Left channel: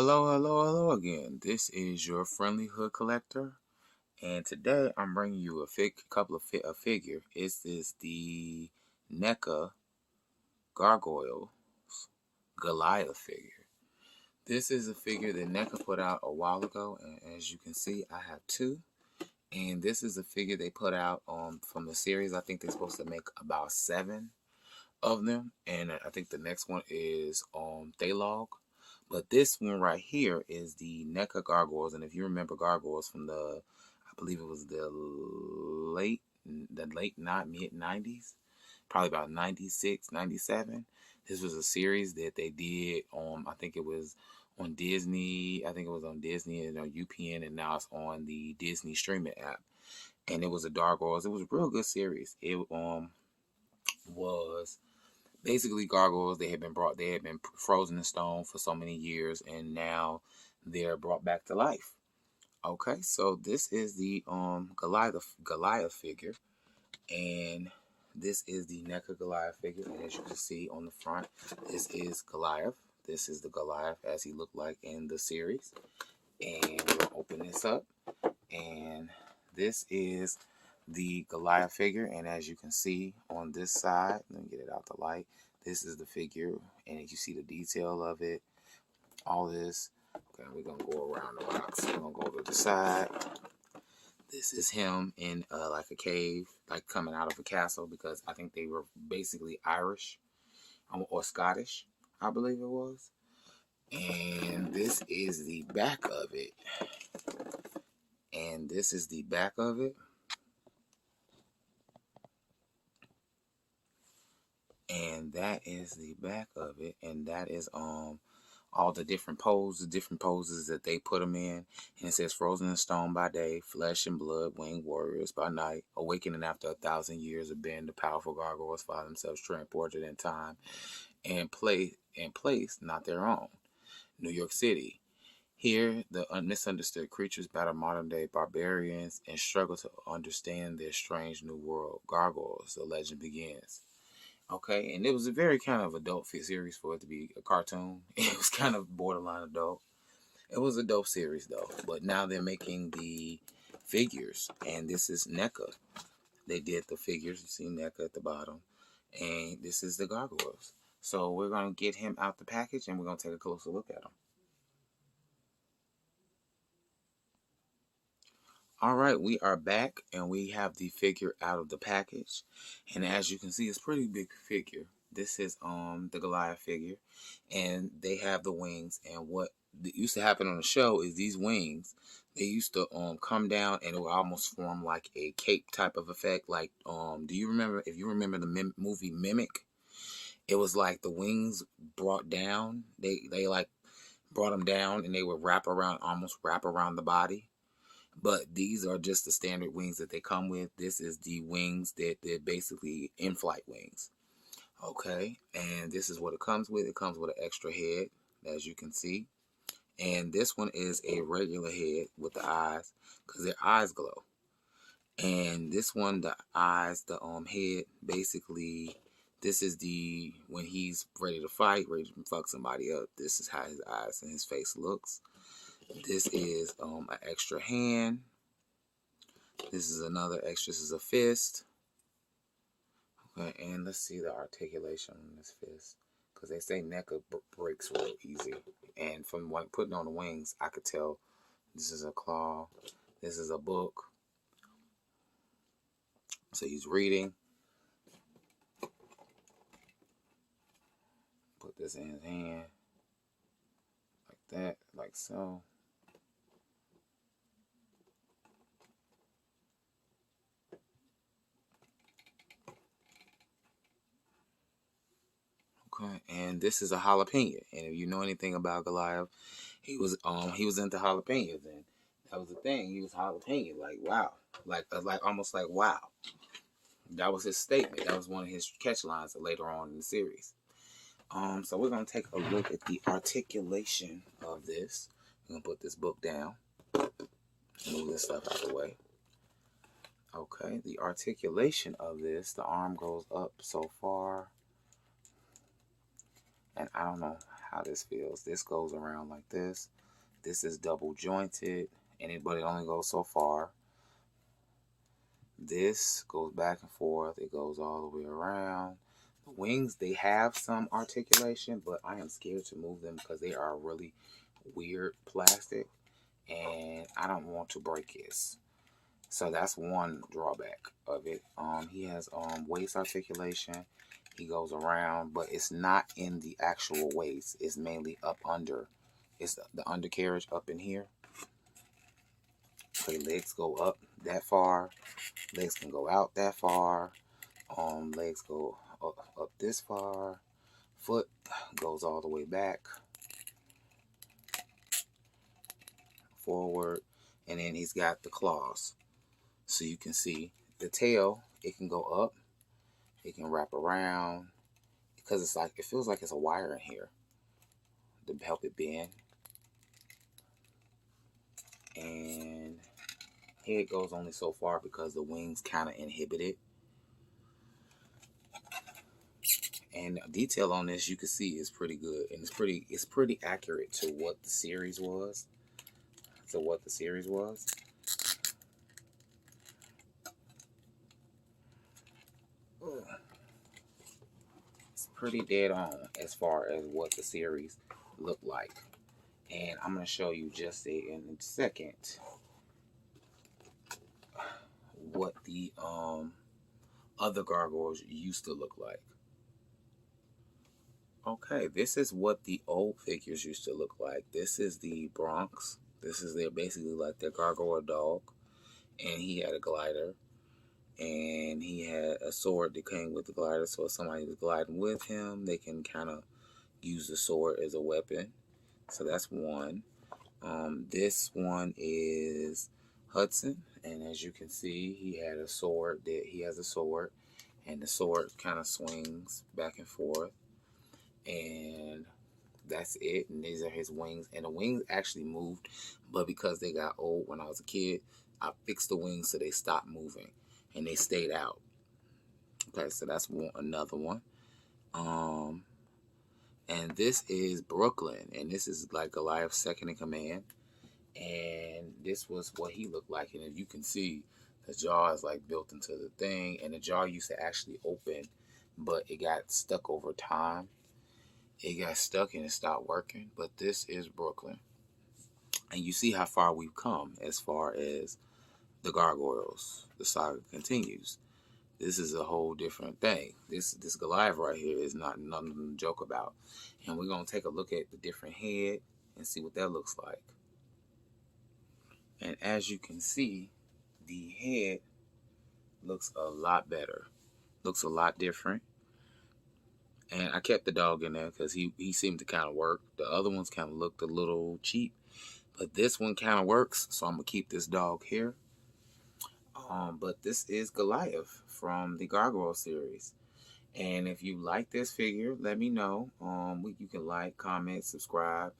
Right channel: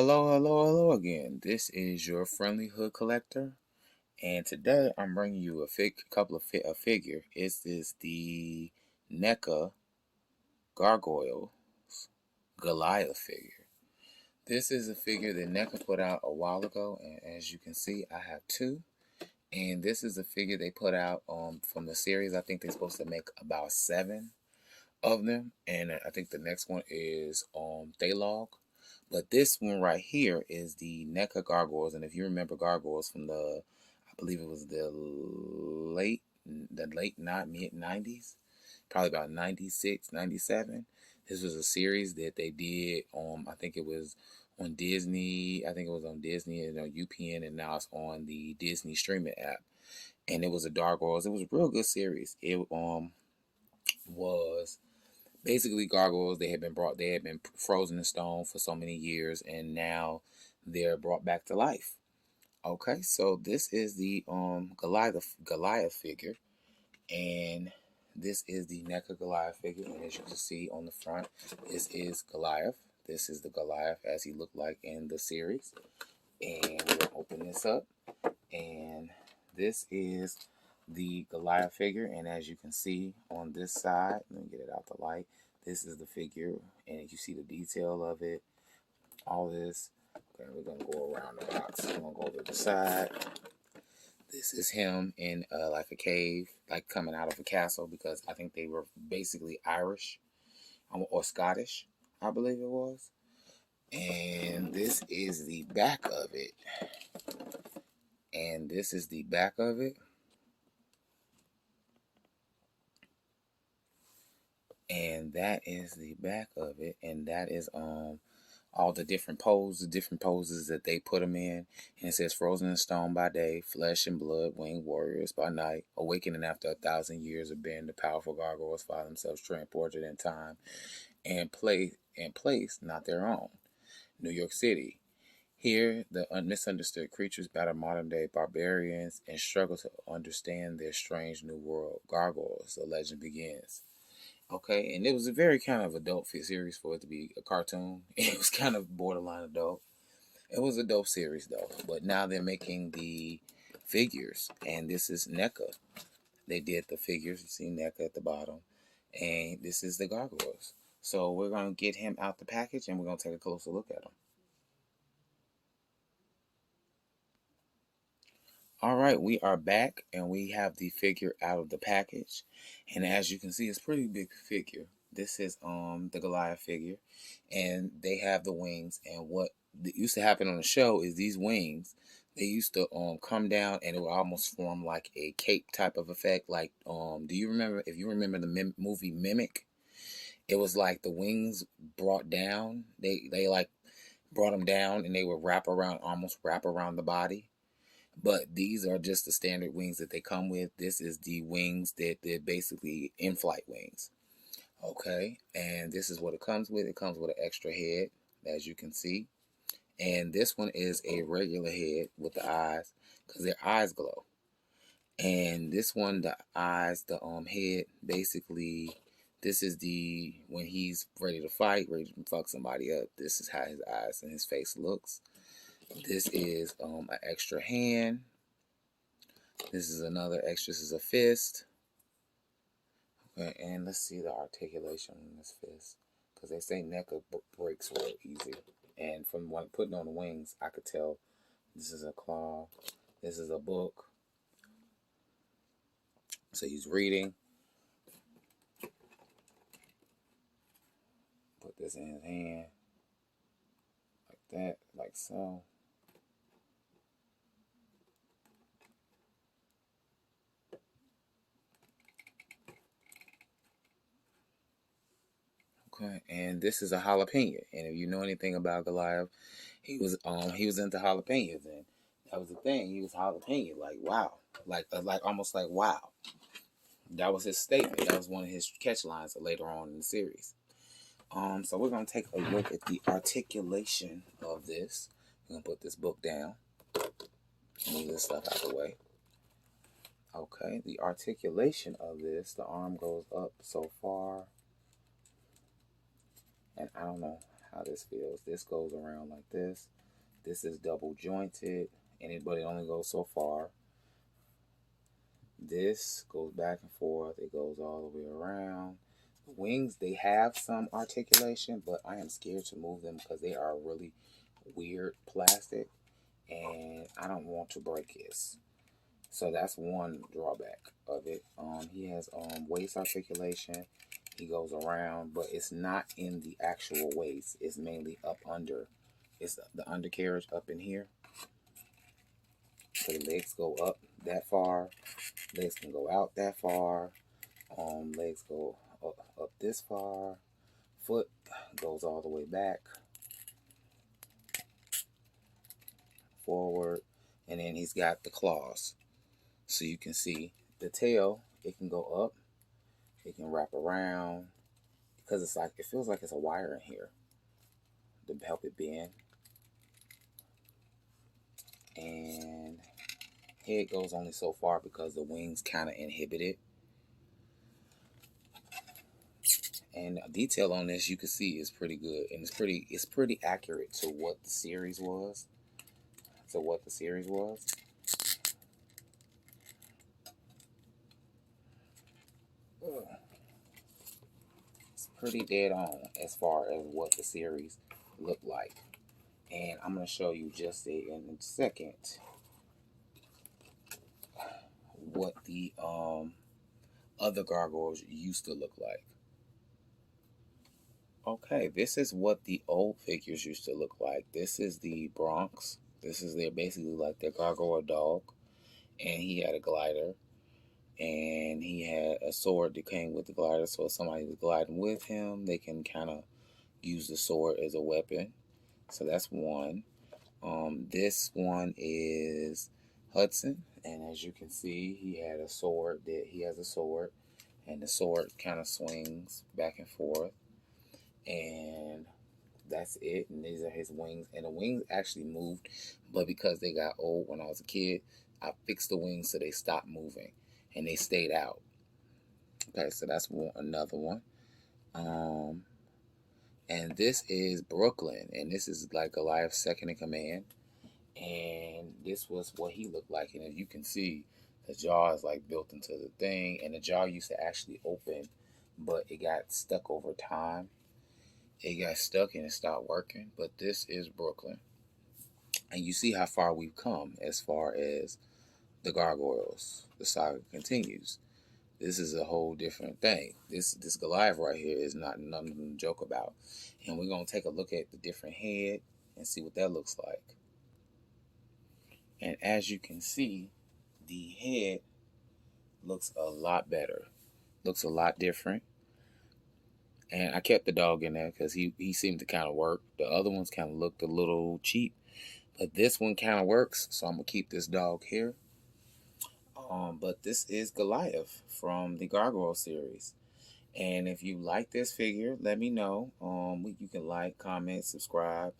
Hello again. This is your friendly hood collector, and today I'm bringing you a figure. This is the Neca Gargoyles Goliath figure. This is a figure that Neca put out a while ago, and as you can see, I have two. And this is a figure they put out from the series. I think they're supposed to make about 7 of them, and I think the next one is Thalog. But this one right here is the Neca Gargoyles, and if you remember Gargoyles from I believe it was not mid 90s, probably about 96, 97. This was a series that they did. I think it was on Disney. I think it was on Disney and on UPN, and now it's on the Disney streaming app. And it was a Gargoyles. It was a real good series. It was basically gargoyles. They had been frozen in stone for so many years, and now they're brought back to life. Okay, so this is the Goliath figure, and this is the Neca Goliath figure. And as you can see on the front, this is Goliath. This is the Goliath as he looked like in the series. And we're gonna open this up, and this is the Goliath figure. And as you can see on this side, let me get it out the light. This is the figure, and you see the detail of it. All this. Okay, we're gonna go around the box. We're gonna go to the side. This is him in like a cave, like coming out of a castle, because I think they were basically Irish or Scottish, I believe it was. And this is the back of it. And this is the back of it. And that is the back of it. And that is all the different poses that they put them in. And it says frozen in stone by day, flesh and blood, winged warriors by night, awakening after 1,000 years of being the powerful gargoyles find themselves transported in time and place not their own. New York City. Here, the misunderstood creatures battle modern-day barbarians and struggle to understand their strange new world. Gargoyles, the legend begins. Okay, and it was a very kind of adult series for it to be a cartoon. It was kind of borderline adult. It was a dope series though. But now they're making the figures, and this is Neca. They did the figures. You see Neca at the bottom, and this is the Gargoyles. So we're gonna get him out the package, and we're gonna take a closer look at him. All right, we are back, and we have the figure out of the package, and as you can see, it's a pretty big figure. This is the Goliath figure, and they have the wings. And what used to happen on the show is these wings, they used to come down, and it would almost form like a cape type of effect. Like do you remember, if you remember the movie Mimic? It was like the wings brought down. They like brought them down, and they would almost wrap around the body. But these are just the standard wings that they come with. This is the wings that they're basically in-flight wings. Okay, and this is what it comes with. It comes with an extra head, as you can see. And this one is a regular head with the eyes, because their eyes glow. And this one, the eyes, the head, basically, this is when he's ready to fight, ready to fuck somebody up. This is how his eyes and his face looks. This is an extra hand. This is another extra. This is a fist. Okay, and let's see the articulation on this fist, because they say Neca breaks real easy. And from putting on the wings, I could tell this is a claw. This is a book. So he's reading. Put this in his hand. Like that, like so. Okay, and this is a jalapeno. And if you know anything about Goliath, he was into jalapenos, and that was the thing. He was jalapeno, like wow, like almost like wow. That was his statement. That was one of his catch lines later on in the series. So we're gonna take a look at the articulation of this. We're gonna put this book down. Move this stuff out of the way. Okay, the articulation of this, the arm goes up so far, and I don't know how this feels. This goes around like this. This is double jointed, but it only goes so far. This goes back and forth. It goes all the way around. The wings, they have some articulation, but I am scared to move them because they are really weird plastic, and I don't want to break his. So that's one drawback of it. He has waist articulation. He goes around, but it's not in the actual waist. It's mainly up under. It's the undercarriage up in here. So the legs go up that far. Legs can go out that far. Legs go up this far. Foot goes all the way back, forward, and then he's got the claws. So you can see the tail. It can go up. It can wrap around because it's like, it feels like it's a wire in here to help it bend. And head goes only so far because the wings kind of inhibit it. And detail on this, you can see, is pretty good, and it's pretty accurate to what the series was. It's pretty dead on as far as what the series looked like. And I'm going to show you just in a second what the other gargoyles used to look like. Okay, this is what the old figures used to look like. This is the Bronx. This is basically like their gargoyle dog. And he had a glider. And he had a sword that came with the glider. So if somebody was gliding with him, they can kind of use the sword as a weapon. So that's one. This one is Hudson. And as you can see, he has a sword. And the sword kind of swings back and forth. And that's it. And these are his wings. And the wings actually moved, but because they got old when I was a kid, I fixed the wings so they stopped moving and they stayed out. Okay, so that's another one. And this is Brooklyn, and this is like Goliath's second in command. And this was what he looked like. And if you can see, the jaw is like built into the thing, and the jaw used to actually open, but it got stuck over time. It got stuck and it stopped working. But this is Brooklyn. And you see how far we've come as far as the gargoyles. The saga continues. This is a whole different thing. This Goliath right here is not nothing to joke about. And we're going to take a look at the different head and see what that looks like. And as you can see, the head looks a lot better. Looks a lot different. And I kept the dog in there because he seemed to kind of work. The other ones kind of looked a little cheap. But this one kind of works, so I'm going to keep this dog here. But this is Goliath from the Gargoyle series. And if you like this figure, let me know. You can like, comment, subscribe.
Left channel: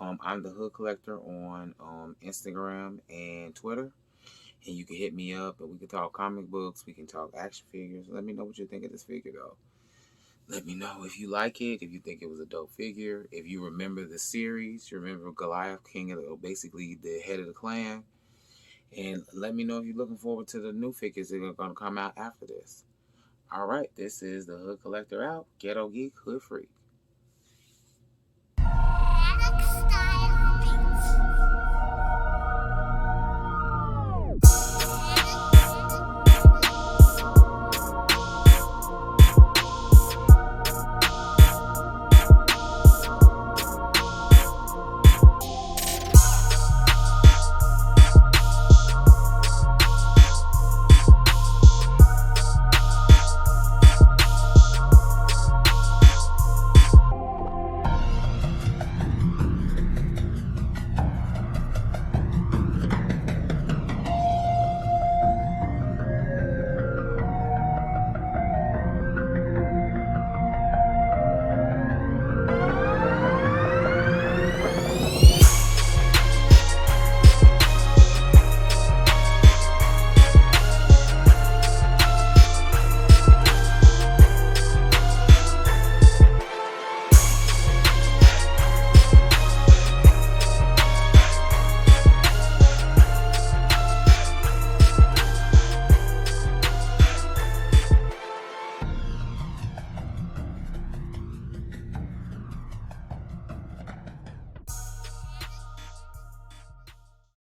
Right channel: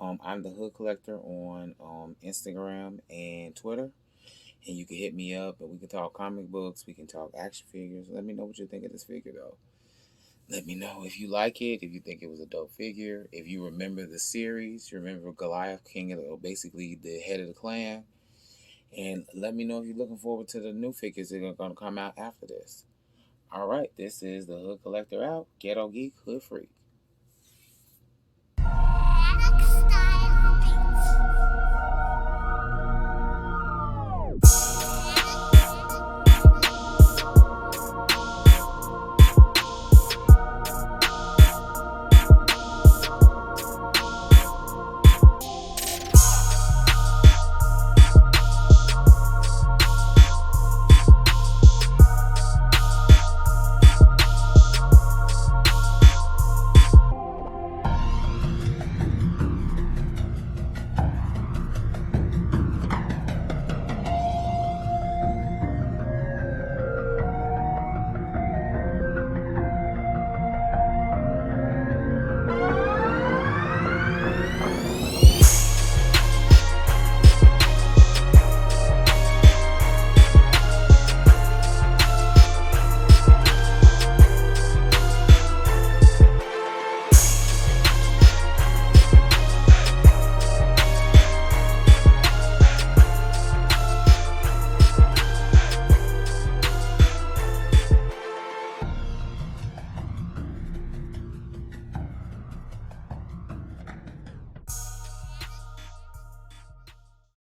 I'm the Hood Collector on Instagram and Twitter. And you can hit me up and we can talk comic books. We can talk action figures. Let me know what you think of this figure, though. Let me know if you like it, if you think it was a dope figure. If you remember the series, you remember Goliath, basically the head of the clan. And let me know if you're looking forward to the new figures that are going to come out after this. All right, this is the Hood Collector out. Ghetto Geek, Hood Free.